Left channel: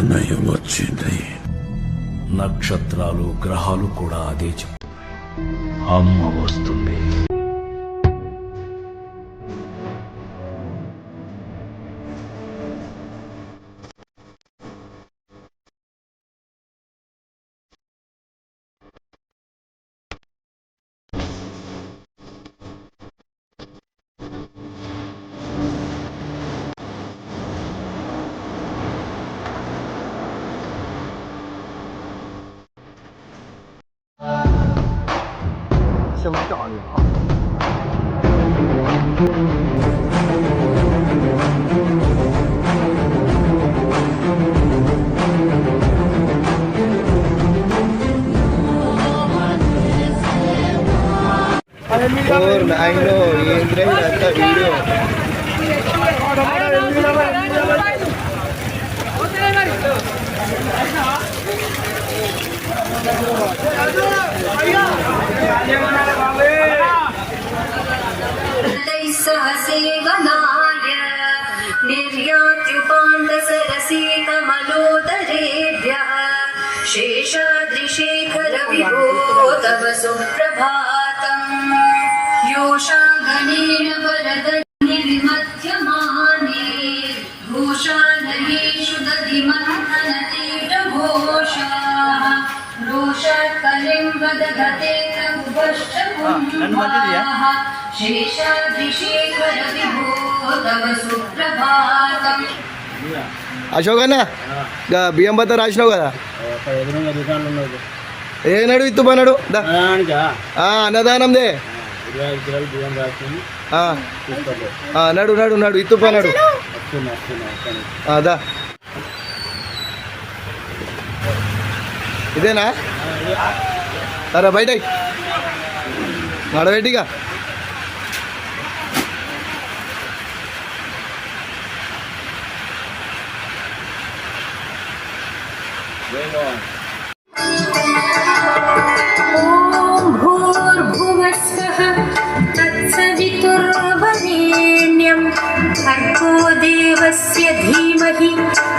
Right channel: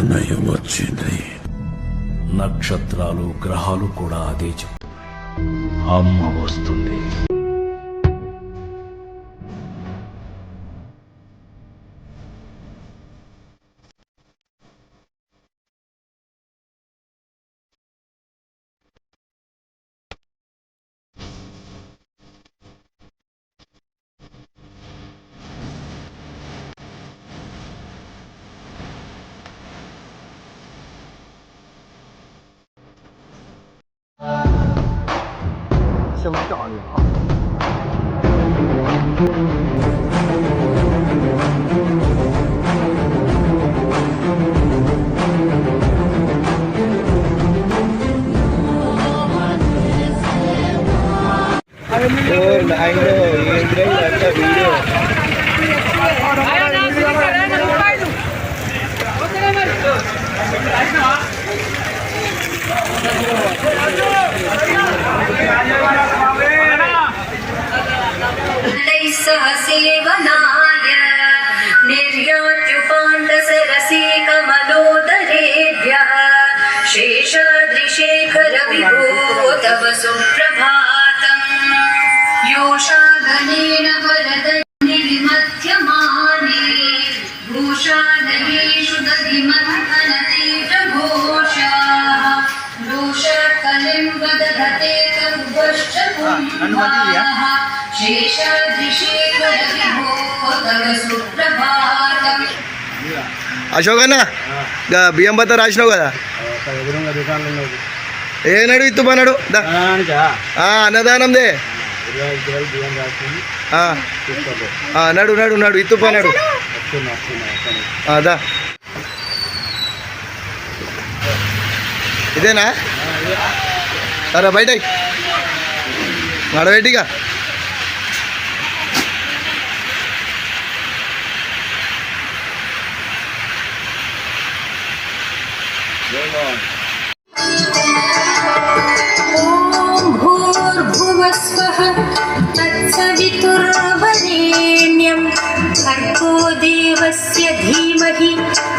నయం వచ్చింది నక్షత్రాలు గ్రహాలు కూడా అదే చెప్పు అమ్మ వస్తుంది. 什么道理啊？Por, ay no, y entra y that video. నన్ను మంచిదియా? అశోక్ అన్న బియ్యం బత్త రాసినావు కదా? ఏనాడు ఇత్తు పన్నాడు అన్నదానందే నడు నడు నడు ఇత్తు పన్నాడు అదా ఇదేనా? సరే బయట வடவேட்டிக்கா Game on. तत्सवितुर्वरेण्यं भर्गो देवस्य धीमहि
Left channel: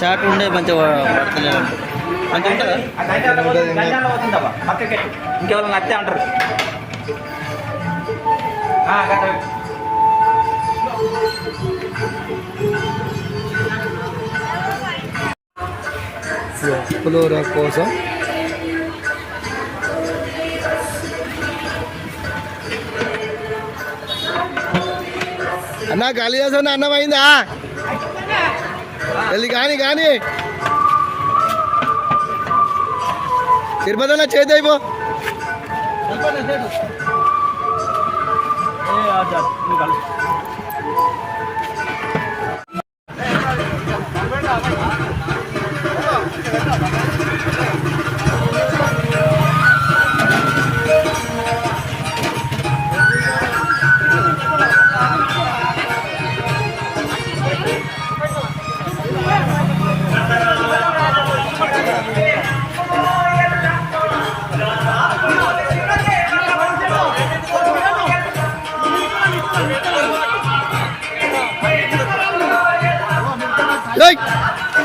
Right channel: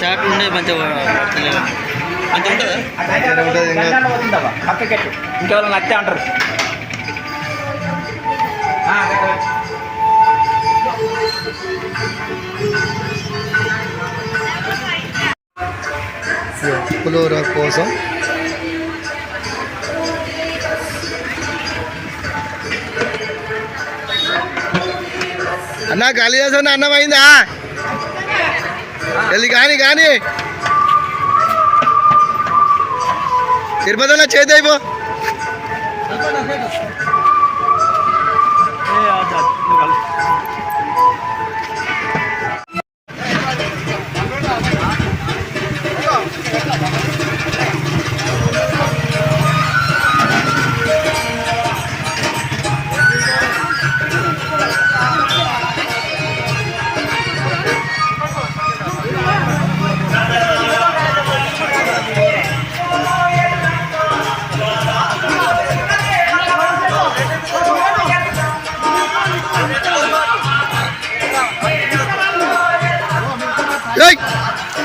షార్ట్ ఉండే మంచిగా అంత ఇంకెవరైనా నచ్చే అంటారు పులోర కోసం అన్న కాళిదాసన్ అన్నం అయిందా? వెళ్ళి కానీ కానీ. తిరుపతి చేతి అయిపో.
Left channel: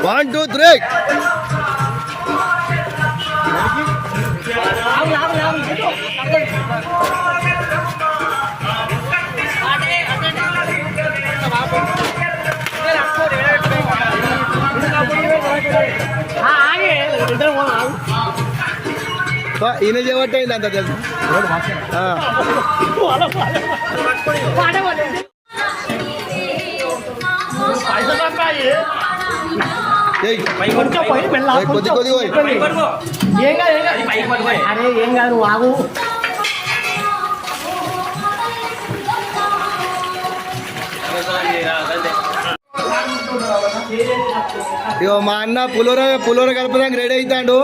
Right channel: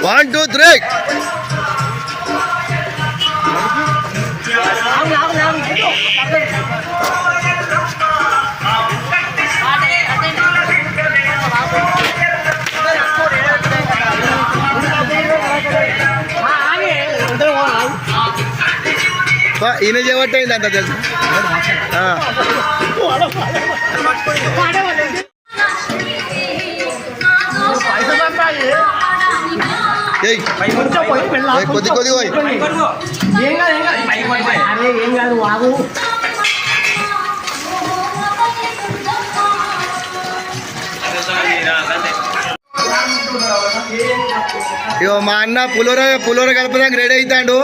వన్ టూ త్రీ ఈయన చేయబట్టే అంత తెలుసు. కొద్ది కొద్ది పోయి. ఏం కాదు ఏం కాదు. అరే ఏం కాదు నువ్వు ఆగు. ఇగో మా అన్న పులోర పులోర కలపడానికి రెడీ అవుతాడు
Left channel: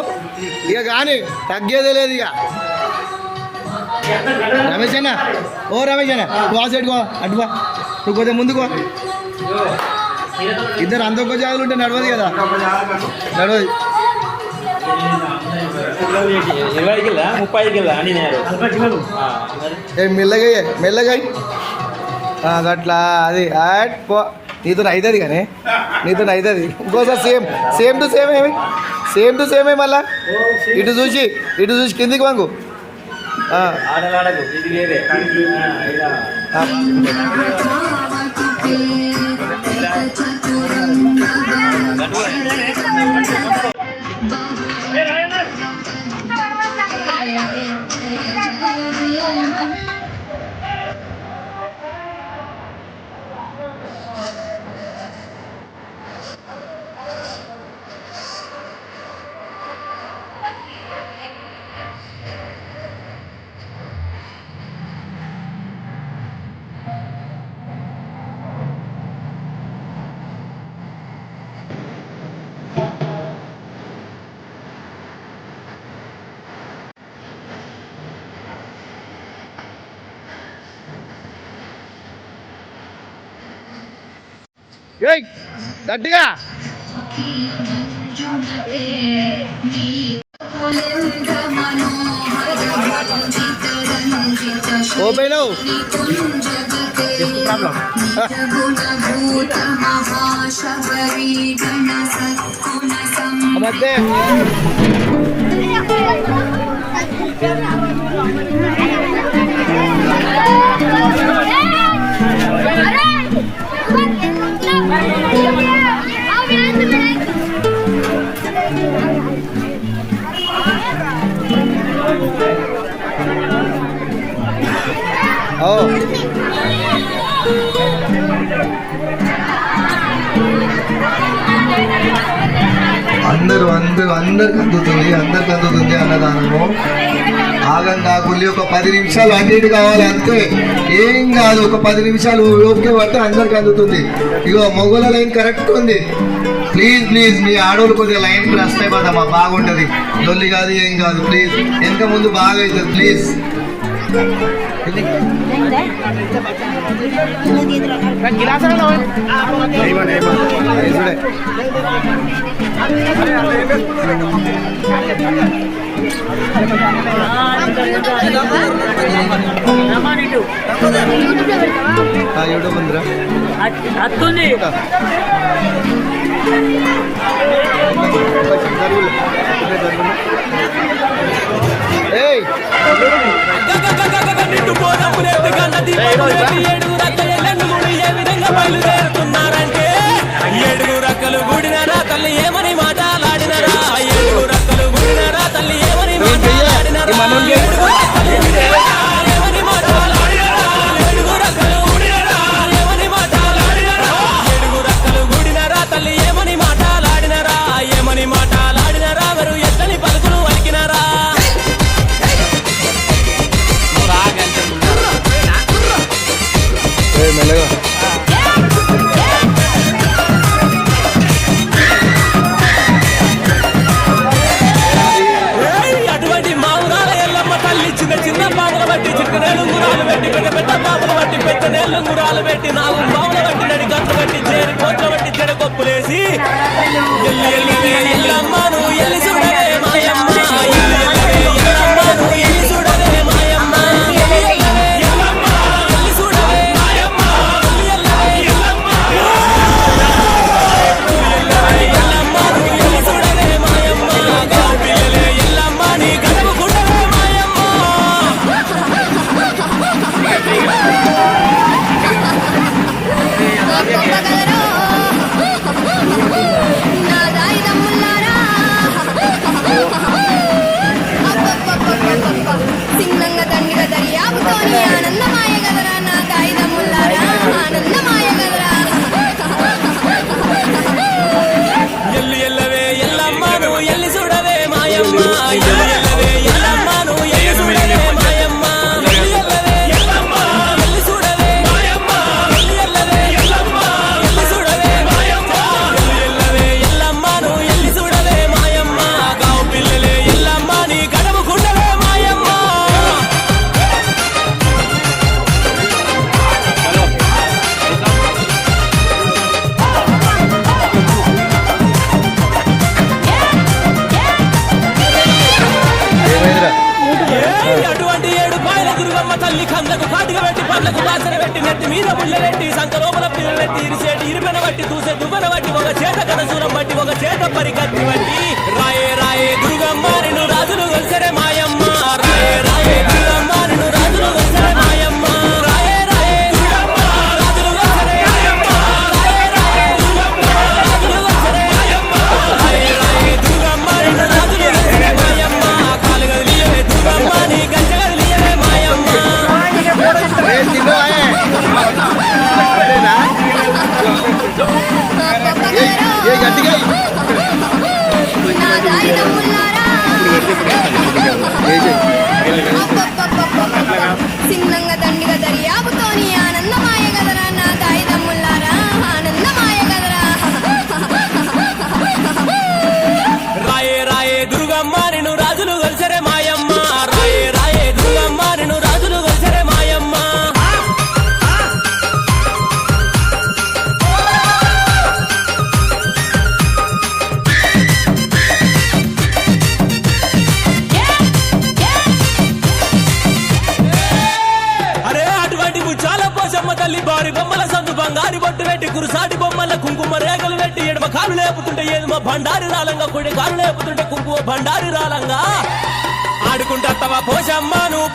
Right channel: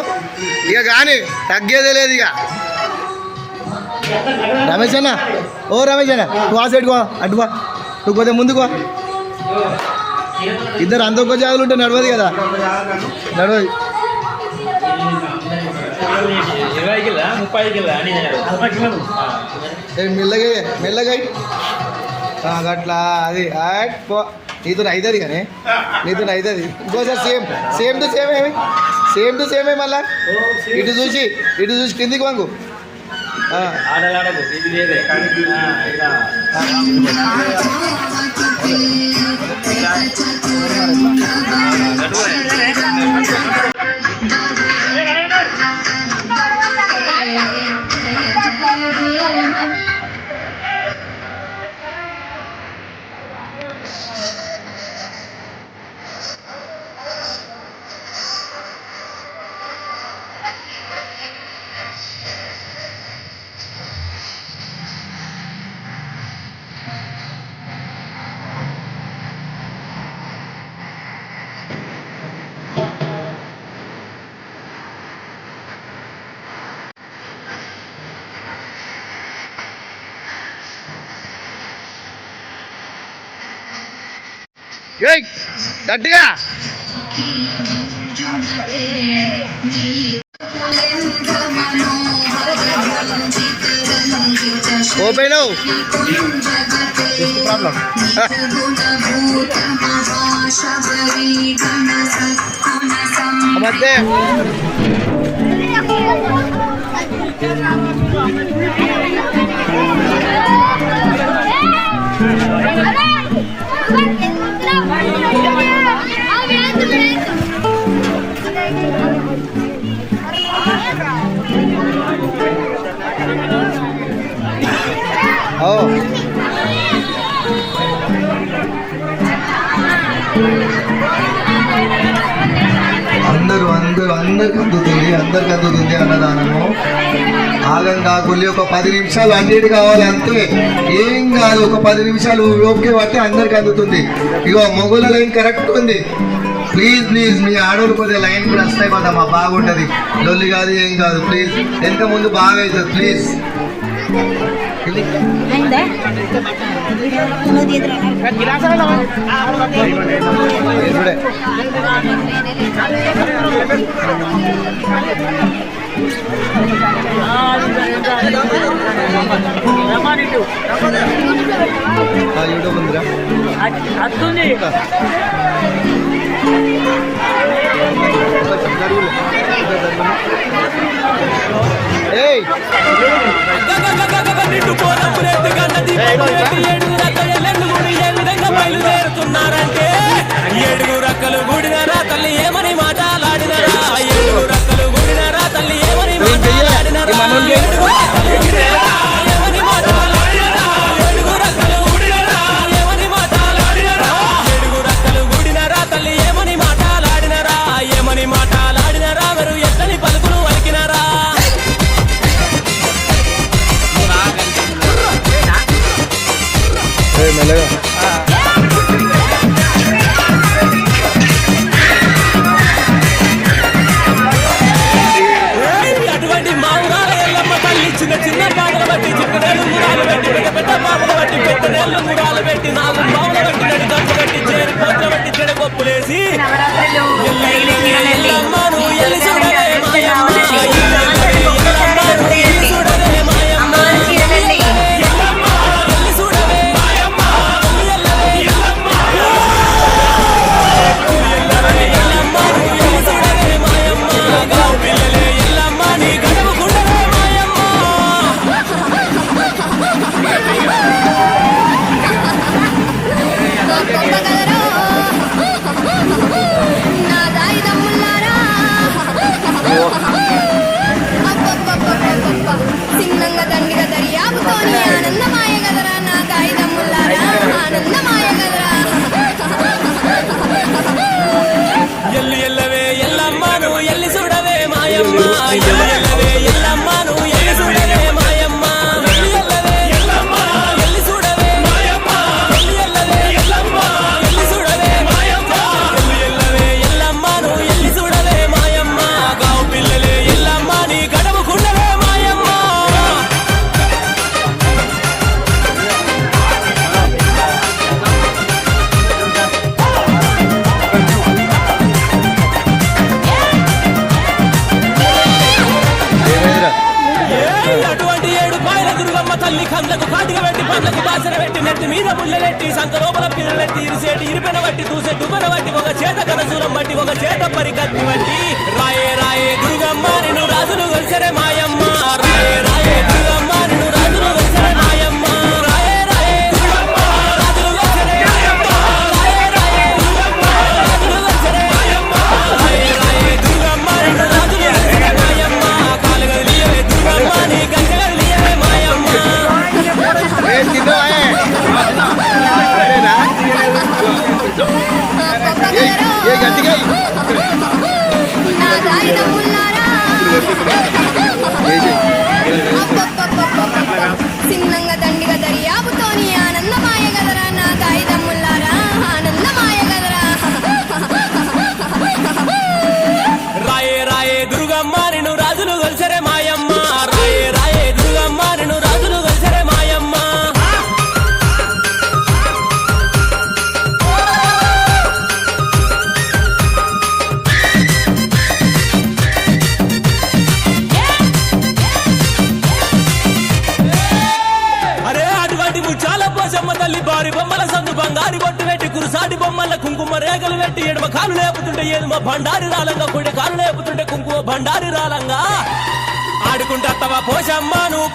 ఇక కానీ తగ్గేదే లేదు ఇక రమేష్ అన్న ఓ రమేష్ అన్న నువ్వు ఆ సైడ్ కో అటువా నువ్వు కొద్దిగా ముందుకో ఇద్దరు అంత ఒక్క జాగులు ఉంటే నడవదు కదా నడవదు మెల్లగా మెల్లగా గట్లా అది అట్ పో నీతో అవుతుంది కానీ నీతో అవుతుంది ఇంకోసారి సేమ్ సేమ్ టు సేమ్ ఏమి సేమ్ టు సేమే మళ్ళా ఇటు చూసి ఇటు చూసి కిందికి వంగు ఆ, ఆడలాడకు ఇది వేరే അങ്ങോട്ട് പറയാം ఏయ్ గట్టిగా. ఓపెన్ మధ్య ఓ అందరూ అందరూ అందరికి అందుతుంది అందరికి అందుతుంది అన్నదానము. ఆగం కాకుండా ఒక పది నిమిషాలు అన్నిటి కావాలి అంతే. ఏం కాదు ఒక పది నిమిషాలు ఓపిక పట్టి అందరికి అందుతుంది. ఇగో మొగల ఏం కరెక్ట్ ఉంది? ప్లీజ్ ప్లీజ్ మీ ఆడోళ్ళు కొద్దిగా లైన్ వస్తాయి మా బాగుంటది. లొల్లి కాదు ఏం కాదు ప్లీజ్. ఎంత ముందు బాగా అవుతుంది ప్లీజ్. యూట్యూబ్ ఉందిరా. బయలుదేరుతున్నారంటే ఏడుగు రక్కలు గుడినరా తల్లి ఏమని మాటలాడినరా ఏడుగు రక్కలు గుడినరా తల్లి ఏమని ఏళ్ళు పెద్ద పెట్టి నాలుగు పాముల బట్టి నడి గంటలు బట్టి చేరి కోట్ల బట్టి చెడగొప్పులేసి ఎల్లు ఎల్లు ఎల్లమ్మ తల్లి కండ్లకు కాటిక పెట్టి పండ్లకు బాసన పెట్టి నెత్తి మీద ముళ్ళెట్టి సంక లోపల పిల్లలెట్టి ఇరిసేటి ఇరిపెన బట్టి దూసే దువ్వెన బట్టి ఒక చేత కనసూరం బట్టి ఒక చేత పరికత్తి బట్టి. రాయే రాయే దుర్గమ్మ నిన్ను రాజులు కలిసరే మాయమ్మ. రాయే రాయే దుర్గమ్మ నిన్ను పెట్టి కురుసాటి బొమ్మల కుంకుమ రేగలు పెట్టి ఎడమ కాలు లేపుతుంటే మా భండారి రాలంగా? కుడి కాలు లేపుతుంటే కుంకుమ భండారి రాలంగా? ఆడుకుంటత్తవా పోషమ్మ నువ్వు